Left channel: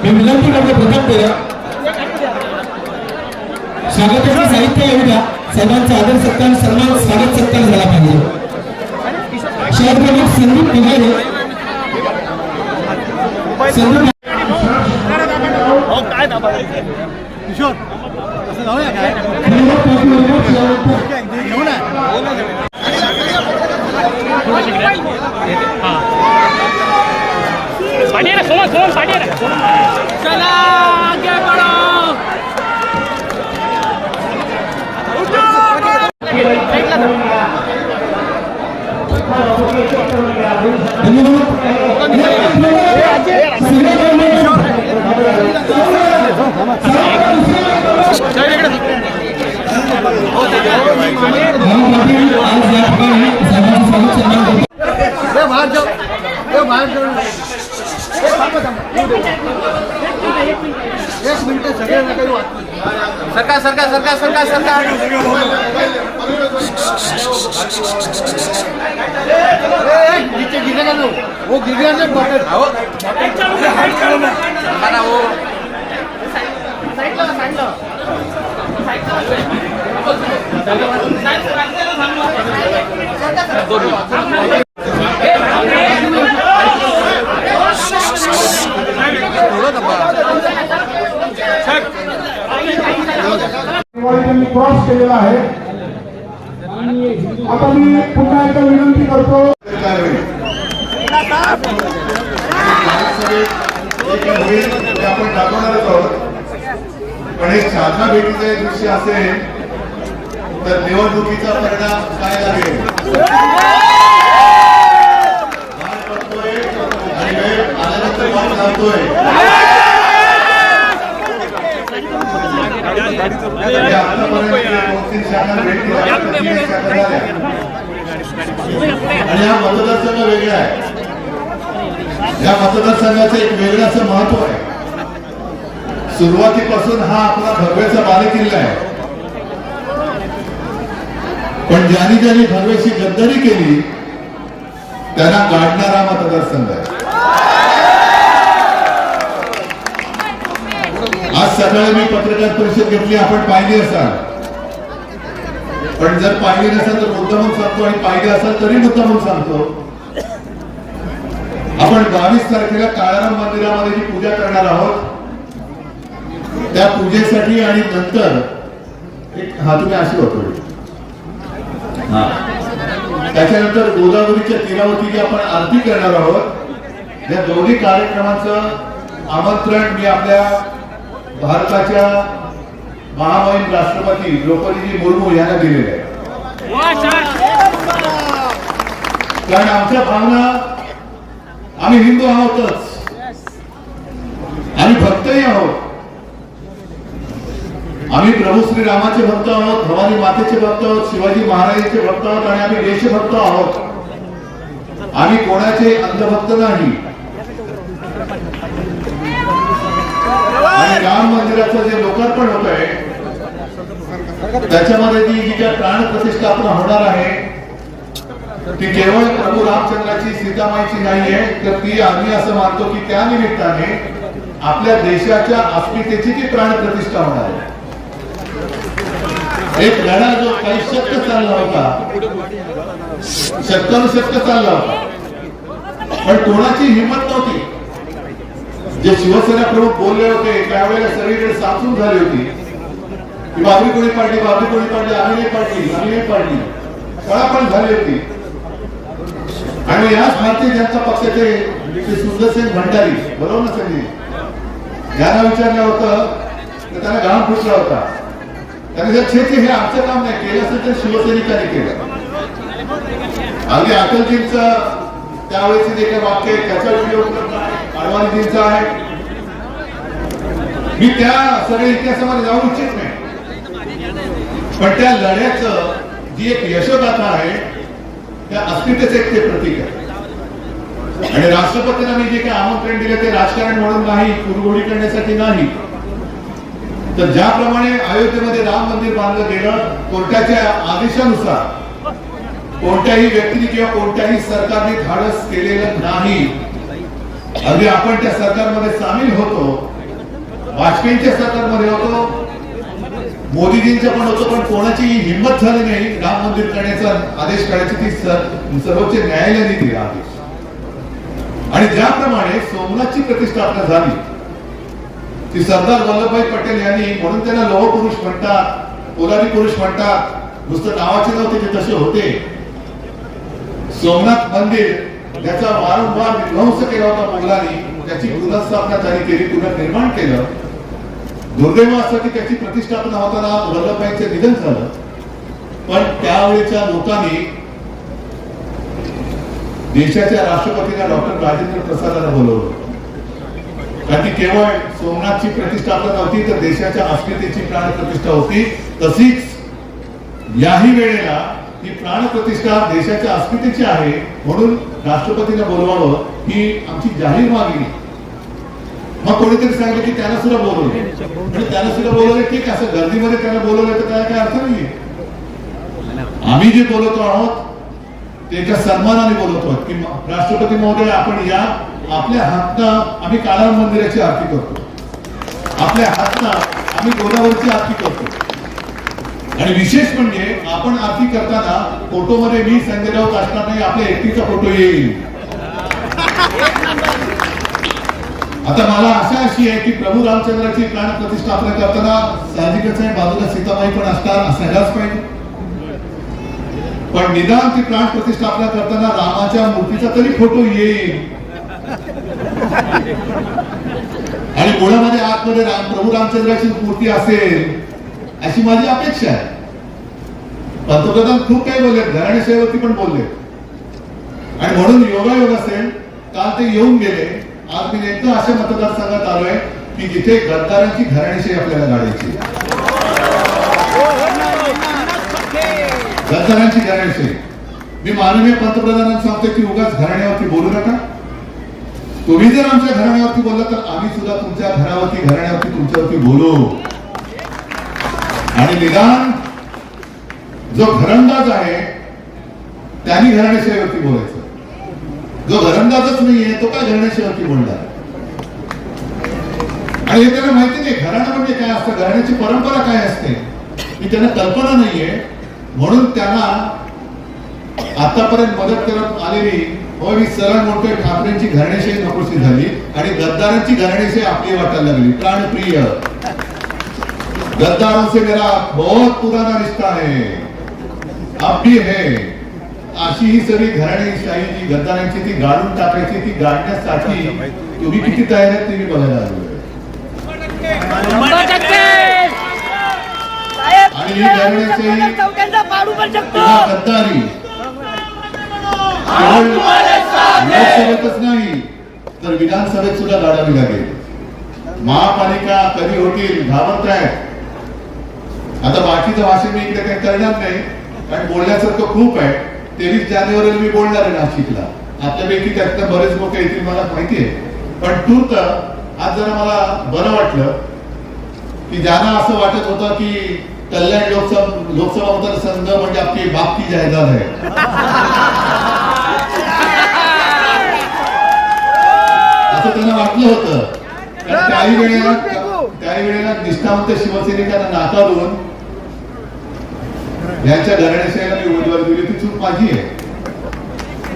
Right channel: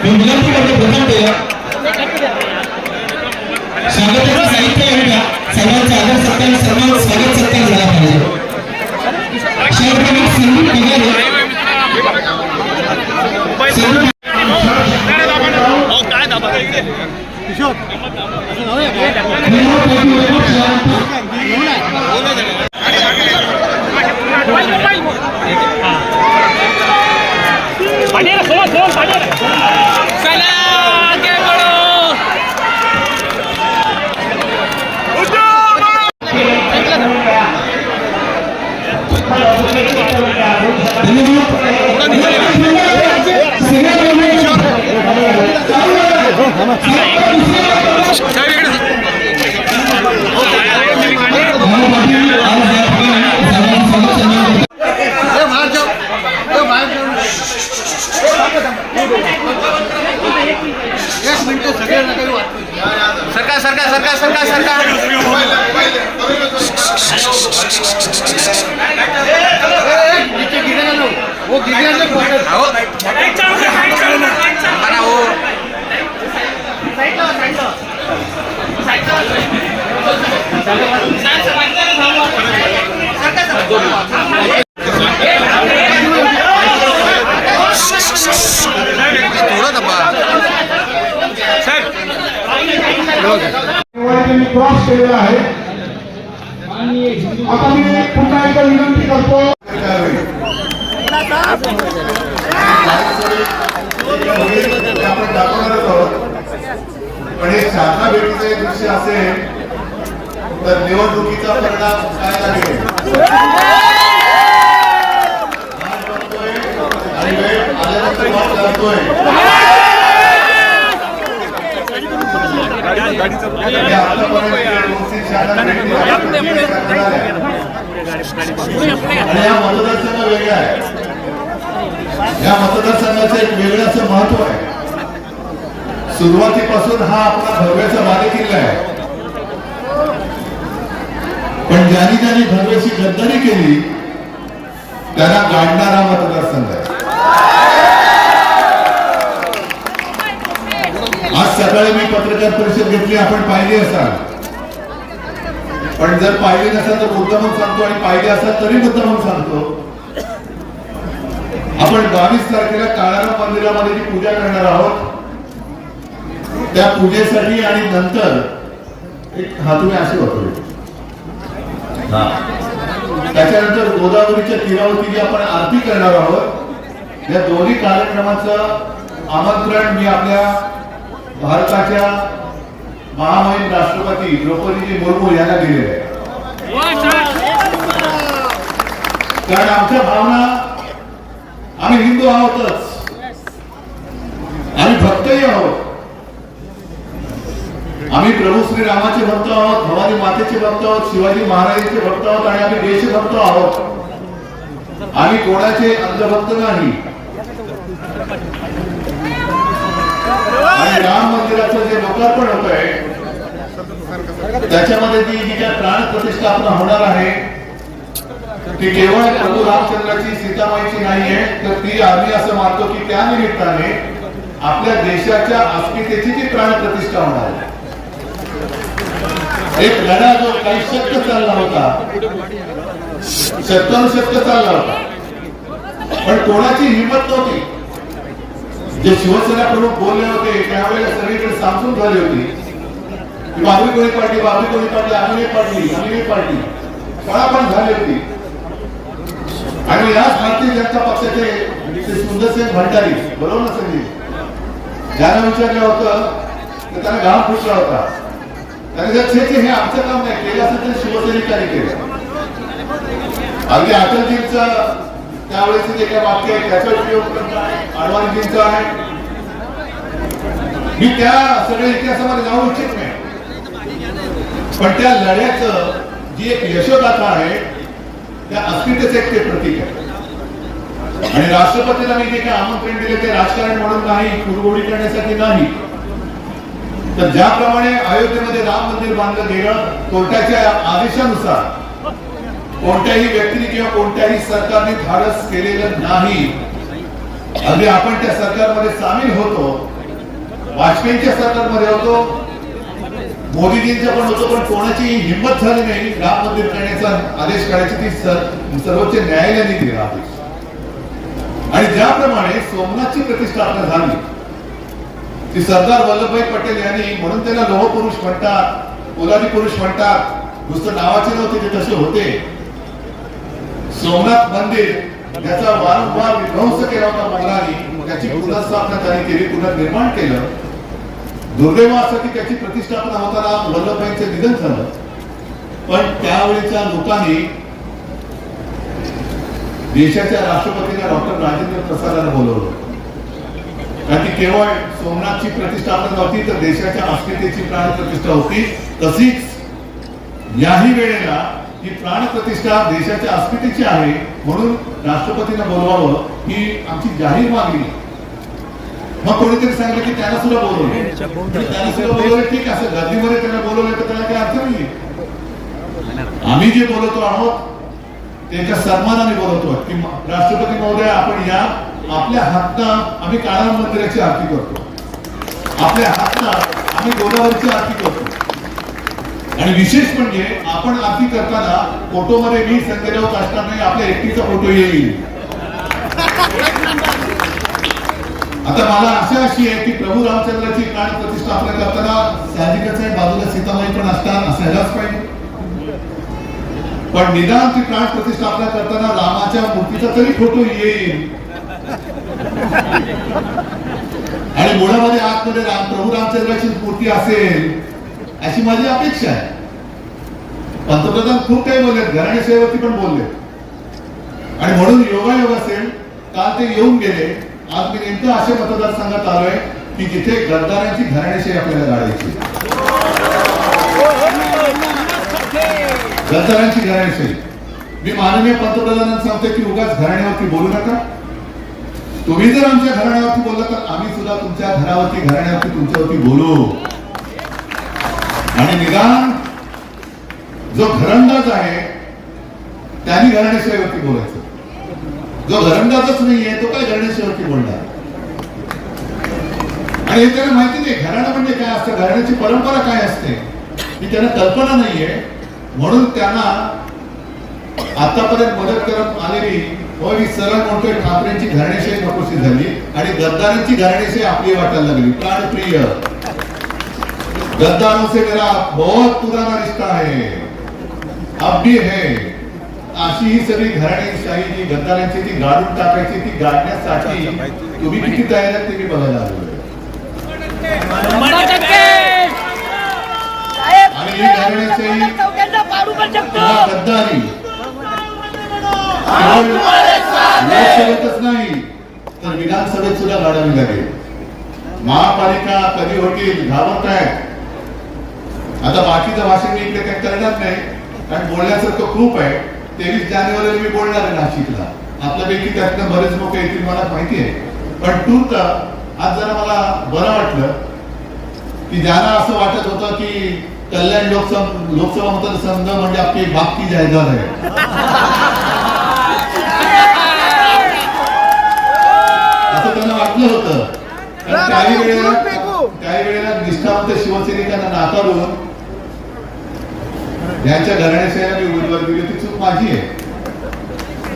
विनंती करते प्रथमतः स्वागताचं साहित्य एवढ्या सगळ्यांचा आदर सत्कार सन्मान स्वागत सत्कार झाला पाहिजे शहरप्रमुख संदीप पिगारे काय दाबा 啊！把捏的，手了，手了，把捏的，摔了。पाणी सगळे काही पाणी सरकार सरकार सरकार सरकार सरकार. वो गिरने थोडं त्यांनी क्रॉस केलेला आहे. आता मी पुन्हा एकदा विनंती करतो. आपण दाखवणारच आहोत पण दृश्य असेल तर निवडणुकीचा परिणाम काय लागेल वेळ आल्यानंतर वाट लावतोय म्हणजे आतापर्यंत दोन-तीन शारदा भेटी झाल्या, तर तीन शारदा झाल्या. आणि हा मतदारसंघ वेगळा आहे या मतदारसंघाचं एक वेगळं असं महत्त्व आहे. सुरुवातीपासून हा आपला भव्याचा बालेकिल्ला आहे. पण ज्यांनी ज्यांनी भव्याची गद्दारी केली त्यांना गाडणारा मतदारसंघ आहे. सकाळी मी पत्रकार परिषद घेतली आपण पाहिली असाल. पण जर पाहिली नसाल तर मुद्दामून सांगतो आणि पाहिली असाल तरी मुद्दामून सांगतो. आपण बावीस तारखेला काळाराम मंदिरामध्ये जी पूजा करणार आहोत त्या पूजेसाठी आणि नंतर एक हा तुम्ही असे होतो त्याच्यानंतर गोदावरीच्या तीरावरती जी आपण आरती करणार आहोत. या दोन्ही कार्यक्रमाचं आमंत्रण मी आपल्या भारताच्या महामहिम राष्ट्रपती द्रौपदीजी मुर्मू यांना दिले आहे. कारण आमच्या भावना आम्ही हिंदू आहोतच. आम्ही भक्तही आहोत. आम्ही प्रभू श्री रामाचे भक्त आहोत भवानी मातेचे भक्त आहोत शिवाजी महाराजांचे भक्त आहोत आणि आम्ही देशभक्त आहोत. आम्ही कोणाचे अंधभक्त नाही. राम मंदिराचं जे लोकार्पण होत आहे त्याच्यामध्ये ती जी ज्या प्राण प्रतिष्ठापना होणार आहे ती केवळ प्रभू रामचंद्राची सीतामाईची नाहीये तर ती आम्ही असं मानतो की त्या निमित्ताने आपल्या देशाच्या अस्मितेची ती प्राण प्रतिष्ठा होणार आहे. एक लढा जो काही शक्य चालला होता शक्य चालला होता पण कोणाची हिंमत नव्हती. जे शिवसेना प्रमुख बोलले होते त्यावेळेला सगळीकडे साचून झाली होती. की बाबी कोणी पाडली बाबरी कोणी पाडली आम्ही नाही पाडली आम्ही नाही पाडली पळापण झाली होती. आणि याच भारतीय जनता पक्षाचे श्री सुंदरसिंग भंडारी बरोबर ना संजय? ज्यांना विचारलं होतं तर त्यांना घाम फुटला होता. त्याने जर छे हे आमचं काम नाही केलं असेल तर शिवसैनिकांनी केलं. अगदी अटलजींचं त्यावेळेस जे काही वाक्य आहे त्याचा उपयोग करणं आहे. मी त्या सगळ्या इतिहासामध्ये जाऊ इच्छित नाही. पण त्या लढ्याचं जी एक यशोगाथा आहे त्या अस्मितेचं एक ते प्रतीक आहे. आणि राष्ट्रपतींना मी जे काही आमंत्रण दिले ते राजकारण म्हणून नाही कुरगोडी करण्यासाठी नाही. तर ज्याप्रमाणे अयोध्येमध्ये राम मंदिर बांधलं गेलं कोर्टाच्या आदेशानुसार कोणत्याही व्यक्तीने किंवा कोणत्याही सरकारने धाडस केलेलं नाही. अगदी आपण त्या सरकारमध्ये सामील होतो. वाजपेयींच्या सरकारमध्ये होतो. मोदीजींच्या पण होतो पण कोणाची हिंमत झाली नाही. राम मंदिर करण्याचा आदेश करायची ती सर- सर्वोच्च न्यायालयाने दिला आदेश आणि ज्याप्रमाणे सोमनाथची प्रतिष्ठापना झाली ती सरदार वल्लभभाई पटेल यांनी म्हणून त्याला लोह पुरुष म्हणतात पोलादी पुरुष म्हणतात नुसतं नावाचे नव्हते ते तसे होते. सोमनाथ मंदिर त्याचा वारंवार विध्वंस केला होता मुलांनी त्याची पुनर्स्थापना त्यांनी केली पुनर्निर्माण केलं. दुर्दैवासाठी त्याची प्रतिष्ठापना होताना वल्लभभाईंचं निधन झालं. पण त्यावेळेच्या लोकांनी देशाच्या राष्ट्रपतीला डॉक्टर राजेंद्र प्रसादाला बोलवलं. कारण की केवळ सोमनाथची प्रतिष्ठापना नव्हती तर देशाच्या अस्मितेची प्राण प्रतिष्ठा होती. तशीच याही वेळेला ही प्राणप्रतिष्ठा देशाच्या अस्मितेची आहे म्हणून राष्ट्रपतींना बोलवावं ही आमची जाहीर मागणी. मग कोणीतरी सांगितलं की त्यांना सुद्धा बोलवलं. त्यांना सुद्धा बोलवलं ठीक आहे असं गर्दीमध्ये त्यांना बोलवलं तर त्याला काय अर्थ नाहीये. आम्ही जे बोलवतो आहोत त्याच्या सन्मानाने बोलवतो की राष्ट्रपती महोदय आपण या आपल्या हातनं आम्ही काळा मंदिराची आरती करतो. आपल्या हातनं आम्ही गोदावरीची आरती करतो. आणि विशेष म्हणजे आपण आरती करताना फोटोमध्ये मी संजय राऊत असणार नाही आपल्या एकटीचा फोटो येईल. आता मला आशा अशी आहे की प्रभू रामचंद्राची प्राण प्रतिष्ठापना करताना साहजिकच आहे बाजूला सीतामाई पण असतात असायलाच पाहिजे पण निदान ती प्राण प्रतिष्ठापना करताना रामाच्या मूर्तीचा तरी फोटो येईल. आणि मुळामध्ये आतमध्ये राम प्रभू रामचंद्राची मूर्ती असेल. अशी माझी अपेक्षा आहे. पंतप्रधान खूप काही बोलले घराणे सेवेवरती पण बोलले. आणि म्हणून योगायोग असेल काल ते येऊन गेले. आज मी नेमकं अशा मतदारसंघात आलोय की जिथे गद्दारांची घराणेशाही आपल्याला गाडायची गद्दारांची घराणेशाही मी माननीय पंतप्रधानांना सांगतो की उगाच घराण्यावरती बोलू नका. तुम्ही जर आमच्या घराण्यावरती बोलला तर आम्ही सुद्धा तुमच्या घरावरती घराण्यावरती तुमच्यावरती बोलू. आणि निदान जो घरंदाज आहे त्यांनी घराण्याशिवायवरती बोलायचं. जो घरंदाजच नाहीये तो काय घराण्याशिवायवरती बोलणार? आणि हे त्याला माहिती नाही घराणं म्हणजे काय असतं? घराण्याची परंपरा काय असते? ही त्यांना कल्पना नाहीये. म्हणून त्यांना आतापर्यंत मदत करत आलेली होय मी सरळ म्हणतोय ठाकरेंची घराणेशाही नकोशी झाली आणि गद्दारांची घराणेशाही आपली वाटायला लागली. प्राणप्रिय. गद्दारों से मेरा बहुत पुराना रिश्ता है। अब भी है। अशी ही सगळी घराणेशाही जी गद्दारांची ती गाडून टाकायची ती गाडण्यासाठी तुम्ही किती तयार आहेत ते मी बघायला आलो ही। गद्दारी। लोकसभेतच नाही तर विधानसभेत सुद्धा गाडावी लागेल महापालिका कधी होतील घाबरताय? आता बाकीचं भाषण मी इकडे काही करणार नाही. कारण बोलण्यासारखं खूप आहे. तेवीस जानेवारीला मी बोलणार आहे नाशिकला. आपल्यापैकी त्यातनं बरेच लोक येतील मला माहिती आहे. पण तूर्त आज जरा मला बरं वाटलं की ज्यांना असं वाटत होतं की कल्याण लोकसभा लोकसभा मतदारसंघ म्हणजे आपली बापकी जायदाद आहे. असं त्यांना वाटलं होतं. काही वेळेला काही वेळेला निष्ठावंत शिवसैनिकांना नाकारून ह्याच्या घराण्याच्या उमेदवार दिली ती चूक माझी आहे.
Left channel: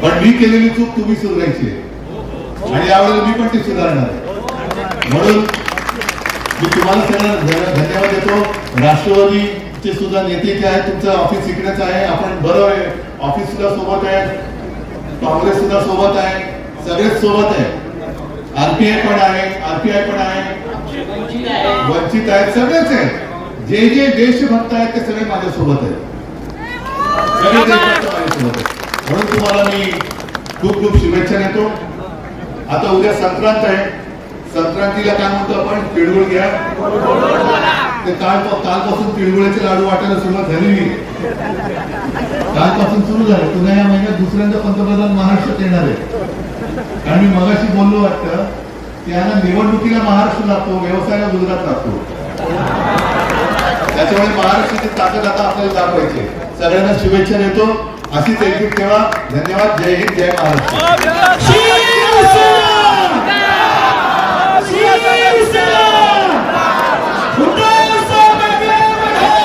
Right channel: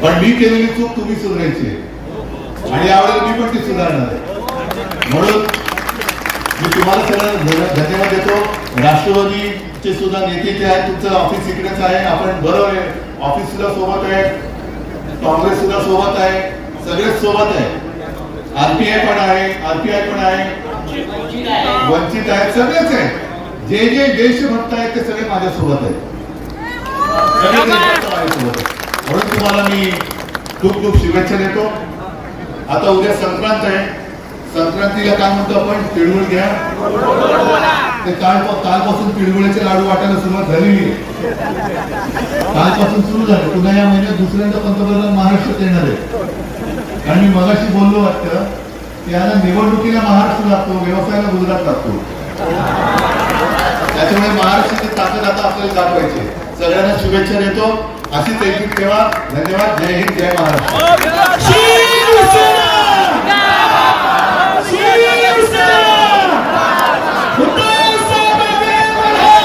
पण मी केलेली चूक तुम्ही सुधारायची आहे. आणि यावेळेला मी पण ती सुधारणार आहे. म्हणून मी तुम्हाला सगळ्यांना धन्यवाद देतो. राष्ट्रवादीचे सुद्धा नेते जे आहे तुमचं ऑफिस इकडेच आहे. आपण बरं आहे. ऑफिस सुद्धा सोबत आहे. काँग्रेस सुद्धा सोबत आहे. सगळेच सोबत आहे. आरपीआय पण आहे. आरपीआय पण आहे. वंचित आहेत. सगळेच आहे जे जे देशभक्त आहेत ते सगळे माझ्यासोबत आहेत सगळे देशभक्त माझ्यासोबत आहेत म्हणून तुम्हाला मी खूप खूप शुभेच्छा देतो. आता उद्या संक्रांत आहे. संक्रांतीला काय म्हणतो आपण? तिळगुळ घ्या. ते काल कालपासून तिळगुळाचे लाडू वाटायला सुरुवात झालेली कालपासून सुरू झाले. पुन्हा या महिन्यात दुसऱ्यांदा पंतप्रधान महाराष्ट्रात येणार आहे आणि मी मगाशी बोललो वाटतं की यांना निवडणुकीला महाराष्ट्र जातो व्यवसायाला गुजरात लागतो त्याच्यामुळे महाराष्ट्राची ताकद आता आपल्याला दाखवायची सगळ्यांना शुभेच्छा देतो. अशीच एकजूट ठेवा. धन्यवाद. जय हिंद जय महाराष्ट्र.